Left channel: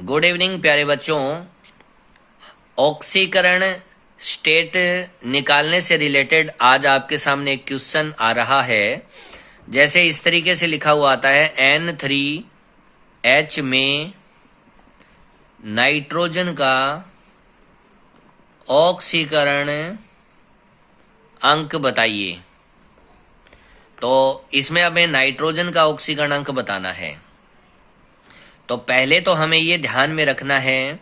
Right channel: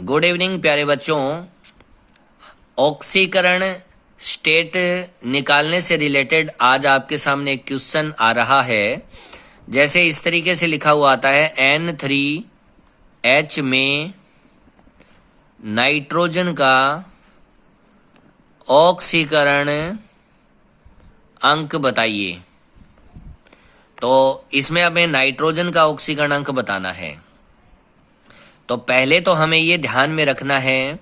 Good evening प्यारे बच्चों। ऑक्सीकरण स्टेट निकालने से रिलेटेड आज आपके सामने एक क्वेश्चन आ रहा है। जैसे इस तरीके से लिखा हुआ आता है, N3H में नाइट्रोजन का ऑक्सीकरण अंक बताइए। तो इसमें हमें नाइट्रोजन का ऑक्सीकरण अंक बताना है। तो पहले तो हमें ये ध्यान में रखना है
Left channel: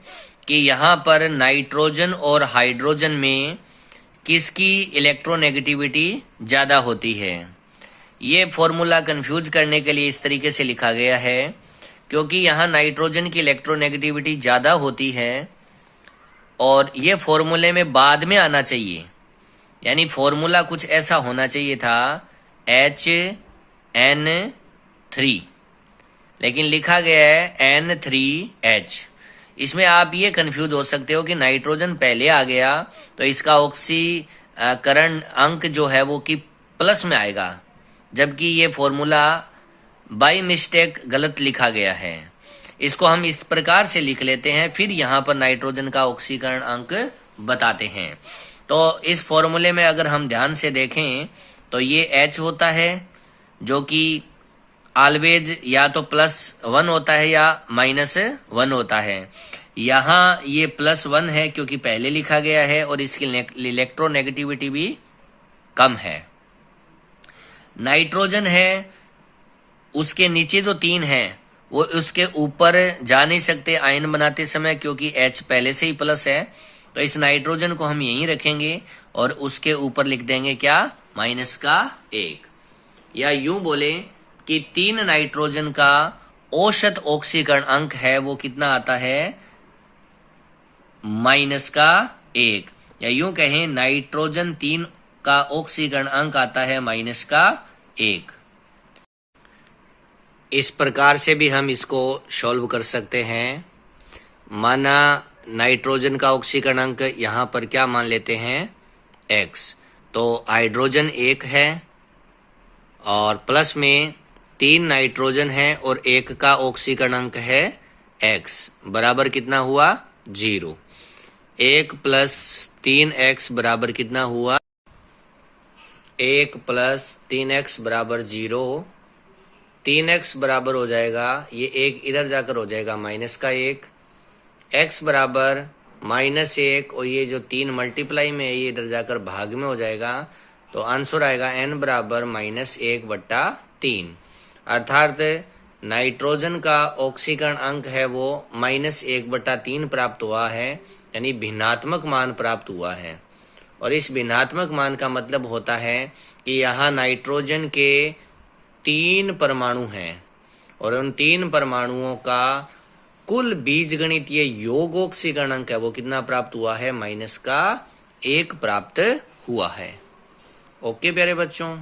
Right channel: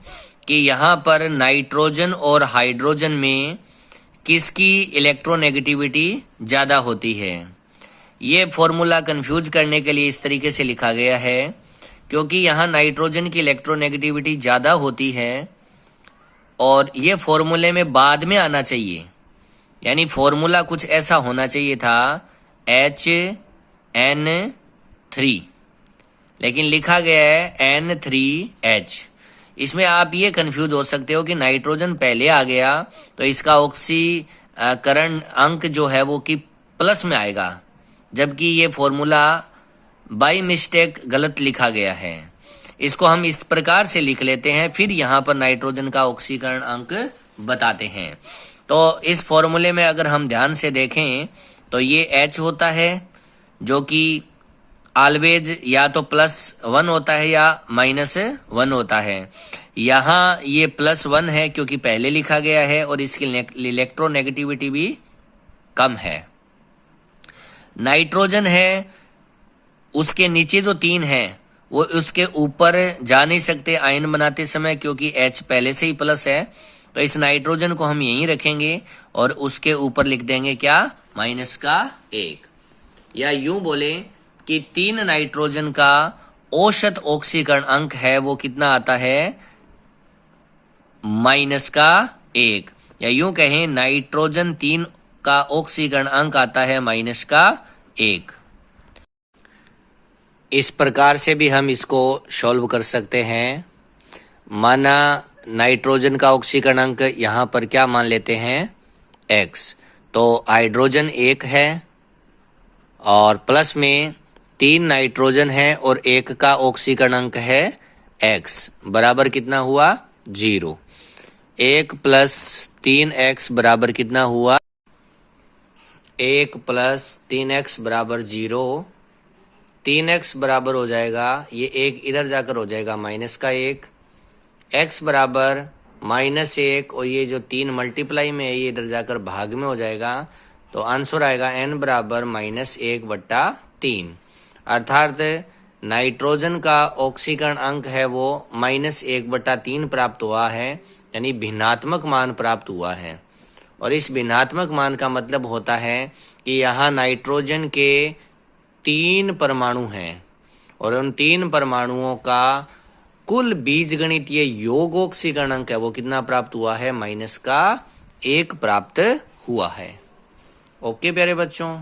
कि यहाँ पर नाइट्रोजन और हाइड्रोजन में किसकी इलेक्ट्रोनेगेटिविटी ज़्यादा होती है। ये फॉर्मूला कंफ्यूज करने के लिए इस तरीके से लिखा गया है, क्योंकि यहाँ नाइट्रोजन की इलेक्ट्रोनेगेटिविटी ज़्यादा होती है और ये फॉर्मूले में बाद में आना चाहिए। यानी फॉर्मूला कुछ ऐसा होना चाहिए था HN3, लेकिन लिखा गया है N3H। इसमें आप ये कंफ्यूज हो सकते हो कि नाइट्रोजन पहले आ गया तो इसका ऑक्सीकरण अंक जो है वो कि प्लस में आएगा, जबकि ये फॉर्मूला बाय मिस्टेक गलत लिखा गया है। इसको हम इस प्रकार से लिख लेते हैं, फिर यहाँ पर नाइट्रोजन का ऑक्सीकरण अंक बताते हैं। तो इस फॉर्मूले में अगर हम ध्यान से देखें तो ये H होता है जो कि ऑलवेज या तो +1 होता है या -1 होता है। यहाँ ये +1 है क्योंकि पहले लिखा गया है और इसकी इलेक्ट्रोनेगेटिविटी भी कम है। नाइट्रोजन है, उसके नीचे जो 3 है वो उसके ऊपर जा नहीं सकते आयन बनाते समय, क्योंकि H पहले से ही प्लस है। तो इस नाइट्रोजन को हम यहीं रखेंगे और उसके ऊपर लिख देंगे क्या, -1। या यूं बोले कि 3 नाइट्रोजन का औसत ऑक्सीकरण अंक है वो कितना आता है, -1। या यूं कहें नाइट्रोजन 3 का ऑक्सीकरण अंक आता है -1। इस प्रकार से भी हम इसको सॉल्व कर सकते हैं। माना नाइट्रोजन का ऑक्सीकरण अंक यहाँ पर क्या मान लेते हैं, X। तो हाइड्रोजन 1 है और प्लस में 3 नाइट्रोजन है और 1 का ऑक्सीकरण अंक है X, बराबर कितना हुआ, 0। 1 + 3x बराबर कितना हुआ, 1 + 3x बराबर 0। 3x बराबर हो जाएगा, ये 1 इधर जाकर हो जाएगा -1। x बराबर -1 और ये जो 3 मल्टीप्लाई में है ये इधर जाकर भाग में हो जाएगा। तो आंसर आएगा n बराबर -1/3। अर्थात नाइट्रोजन का ऑक्सीकरण अंक है वो -1/3 प्राप्त हुआ है, यानी भिन्नात्मक मान प्राप्त हुआ है। और इस भिन्नात्मक मान का मतलब होता है कि यहाँ नाइट्रोजन के 3 परमाणु हैं और उन 3 परमाणुओं का कुल बीजगणितीय योग ऑक्सीकरण अंक है वो कितना प्राप्त हुआ है, -1 प्राप्त हुआ है। ओके प्यारे बच्चों।